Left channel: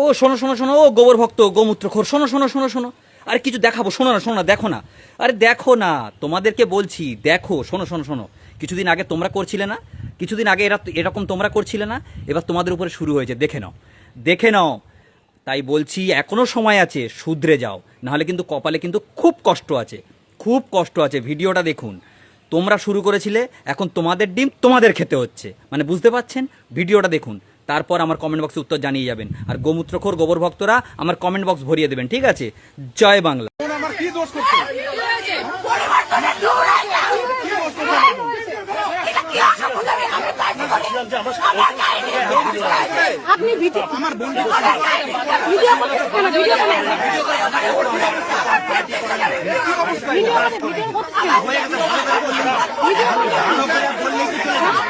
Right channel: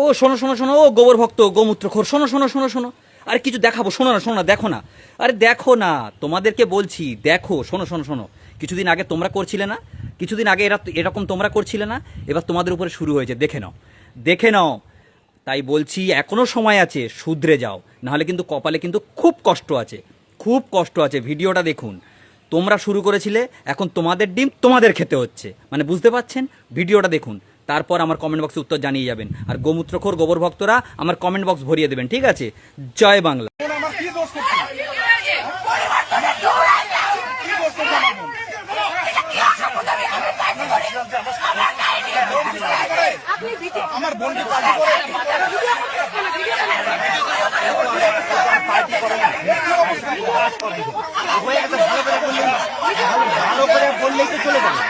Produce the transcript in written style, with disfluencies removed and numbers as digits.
ও শোনো শোনো শোনো, ও গোবর ভক্ত গোমূত্রখোর, শোনো শোনো শোনো শোনো, আরে কিছু দেখাবো, শোনো না শোনো না, দেখো না, আরে দেখো না, তোমাদেরকে বলছি দেখো, শোনো শোনো শোনো, কিছুদিন আগে তোমরা করছিলে না, কিছুদিন আগে এরকম তোমরা করছিলে না, এবার তোমাদের উপরে শুরু হয়েছে, দেখে নাও দেখে নাও। তাই বলছি এখনো সময় আছে, শুধরে যাও, নাহলে কিন্তু কপালে কিন্তু খুব কষ্ট আছে, খুব কষ্ট আছে। ভিডিওটা দেখুন, তোমরা শুরু করেছিলে, এখন তোমাদের ডিম তোমাদের খেতে হচ্ছে, মানে বুঝতে পারছেন? ভিডিওটা দেখুন, তারপর আমার কমেন্ট বক্সে উত্তর জানিয়ে যাবেন। আর গোমূত্রখোর গোবর ভক্তরা আমার কমেন্ট বক্স ভরিয়ে দেবেন, ঠিক আছে? জয় বাংলা। আমার কি দোষ করছে? কি দোষ করছে আমার বোন? আমার বোন কি পার্টি করে? ভালো করে বললেই তো চলে যাবে।